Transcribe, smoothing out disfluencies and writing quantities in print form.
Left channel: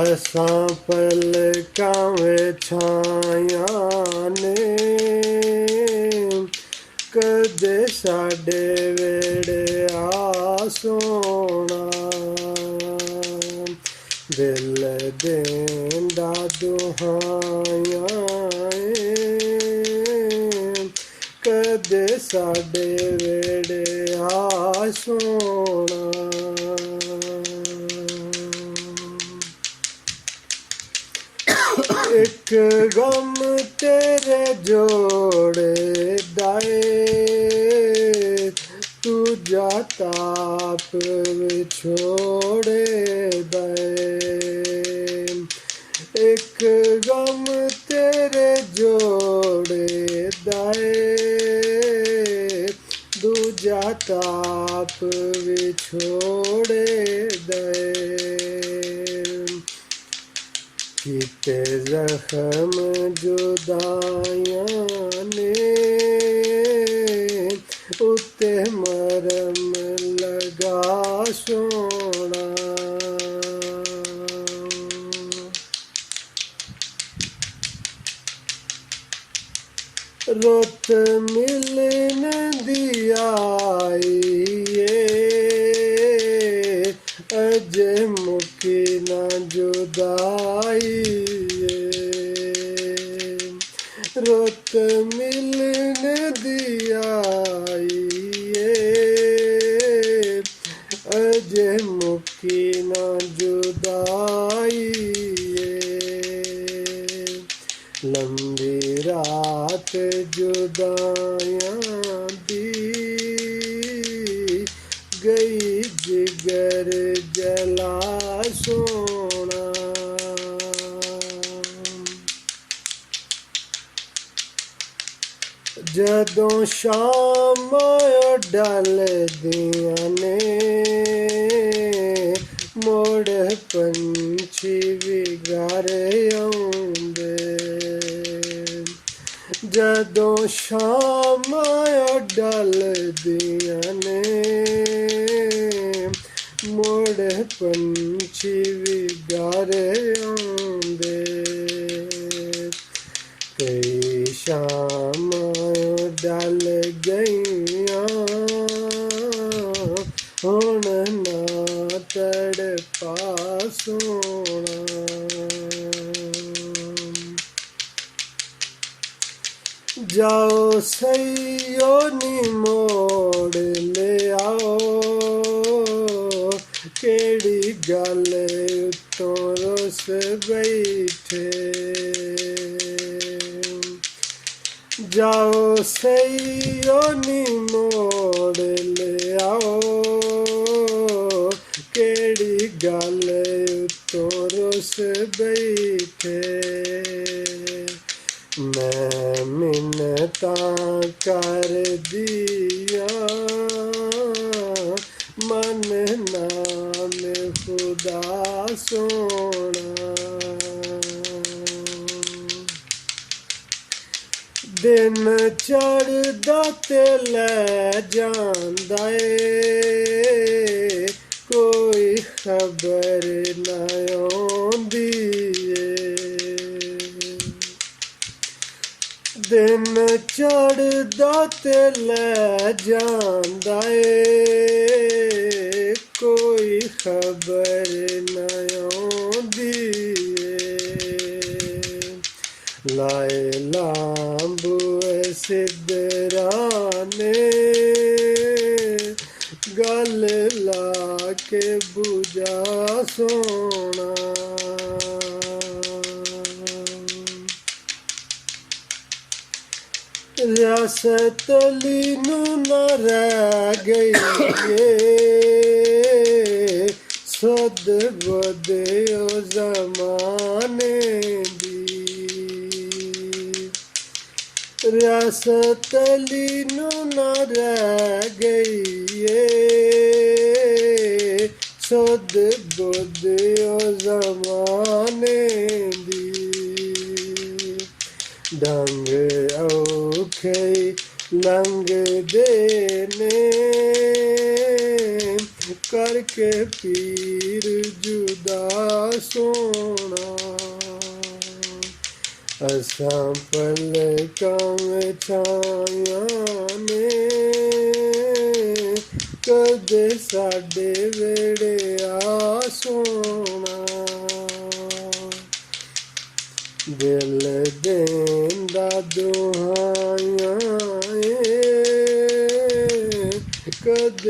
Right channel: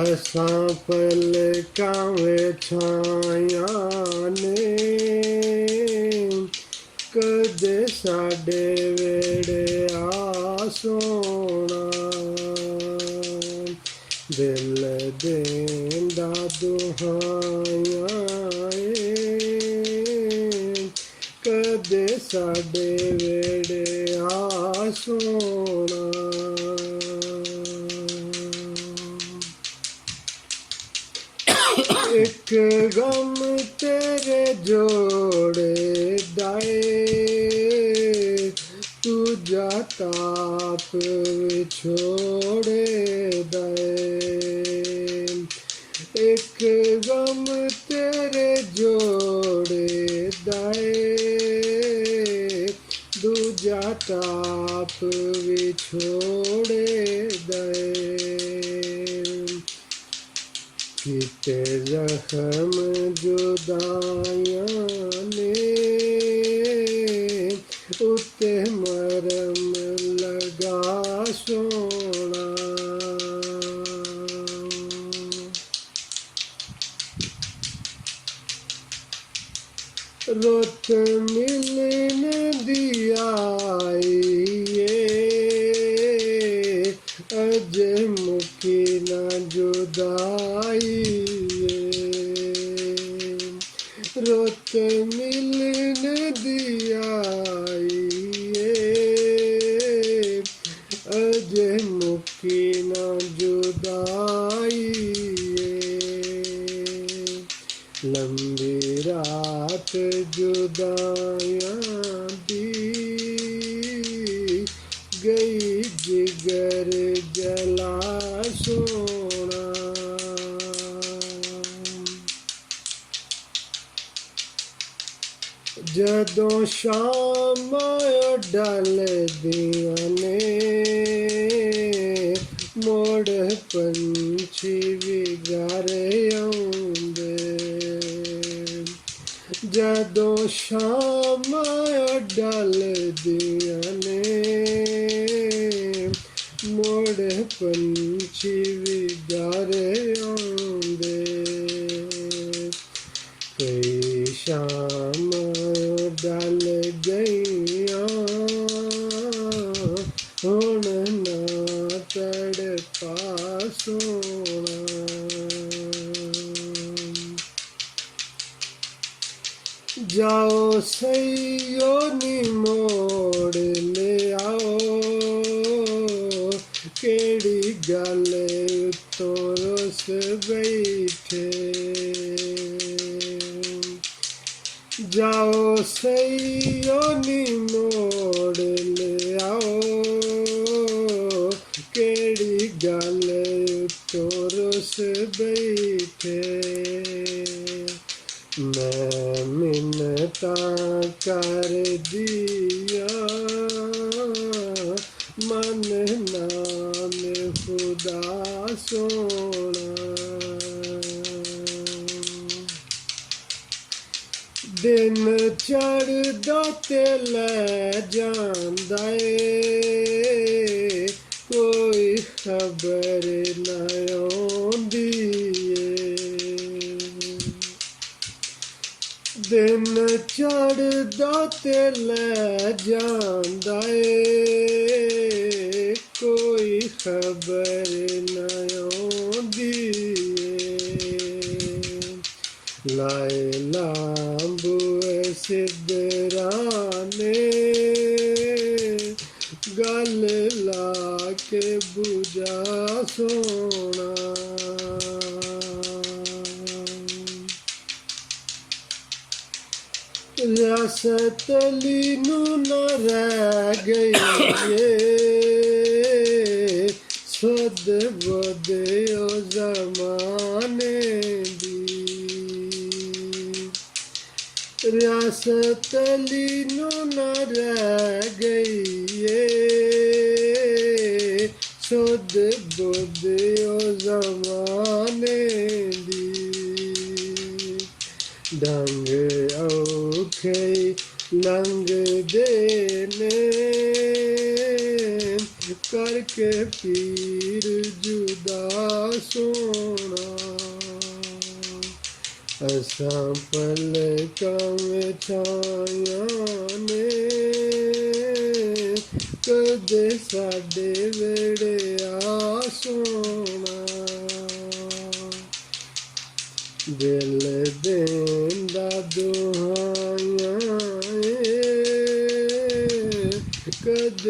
असां पलकां विछाइਆਂ ਨੇ ਕਦੇ ਸਾਡੇ ਵੇੜੇ ਆ ਸੋਹਣਾ ਦਿਲ ਦੇਂਦਾ ਦੁਹਾਈਆਂ ਕਦੇ ਸਾਡੇ ਵੇੜੇ ਆ ਸੋਹਣਾ एक गम तेरे जोड़े दाए तू जाता छोड़े दाए एक गम तेरे जोड़े दाए तू जाता छोड़े दाए किते जख्म जुदाइयां ने उत्ते मरम लगा सोना रुत मिलने दिया अजे मुकी ना जुदाई रुत मिलने दिया अजे मुकी ना जुदाई लंबी रात जुदाइयां दी गई जिगर जला सोना जदों शाम डल दियां ने मुड़ पंछी विगारे आउंदे जदों शाम डल दियां ने मुड़ पंछी विगारे आउंदे कई शाम डल गईयां हुण ना तड़पा सोना जाओ सैयो नी मोड़ ले आओ केड़ी गल उत्तों रुस बैठे जाओ सैयो नी मोड़ ले आओ केड़ी गल उत्तों रुस बैठे मैं मिन्नता कर दिया मन नाम खुदा सोना दिन चढ़दा ते लै जांदा कोई खबर ना आउंदी दिन चढ़दा ते लै जांदा कोई खबर ना आउंदी लाए लांबूए सिद्धराने गल ला के बुझा सोना रियासत अली नू न रह गई सद गोदे ओ जमाने दी रियासत अली नू न रह गई सद गोदे ओ जमाने दी डंग औखे लंघदे ने करके पीर जुदा ਸੋਹਣਾ ਅਸਾਂ ਪਲਕਾਂ ਵਿੱਚ ਆਈਆਂ ਨੇ ਕਦੇ ਸਾਡੇ ਵੇੜੇ ਆ ਸੋਹਣਾ ਦਿਲ ਦੇਂਦਾ ਦੁਆਈਆਂ ਏ ਕਦੇ